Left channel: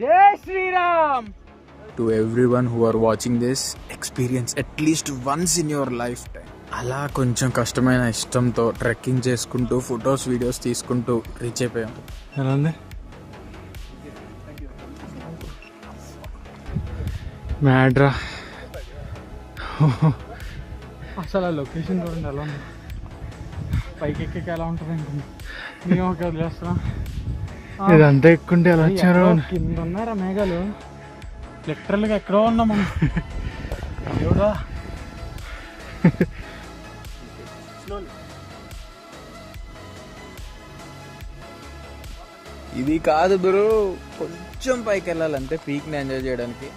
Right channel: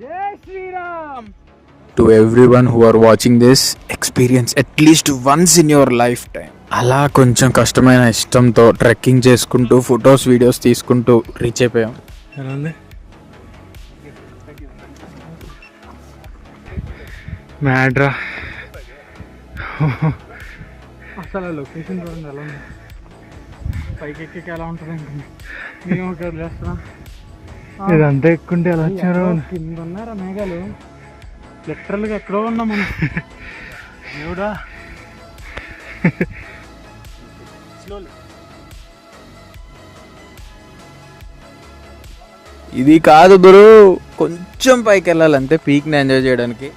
జై Sriram. To everyone who are watching this, experience at least once in your lifetime. అలా కొంచెం కష్టమైన ఇష్టంతో ట్రెక్కింగ్ చేసుకుంటూ ఫొటోస్ వీడియోస్ తీసుకుంటూ రీచ్ అయిపోయాం. ఎలా ఉంది మ్యాడ్రా? అసలు ఆ లొకేషన్ చూడండి ఎలా ఉంది. పైకి ఎక్కి ఎలా ఉంటుంది మేము ఒక వదిలేస్తాం. ఇదంతా ఎక్కుంటే ఎలా వచ్చారు? కింద ఉన్నారా మేఘాలు? లిటరల్గా ఎక్కడో ఉన్నాము. దేవుడా, ఇది కాదు గురు, కొంచెం పైకి వెళ్ళాలంటే పీక్ని ఎంజాయ్ చేయడానికి.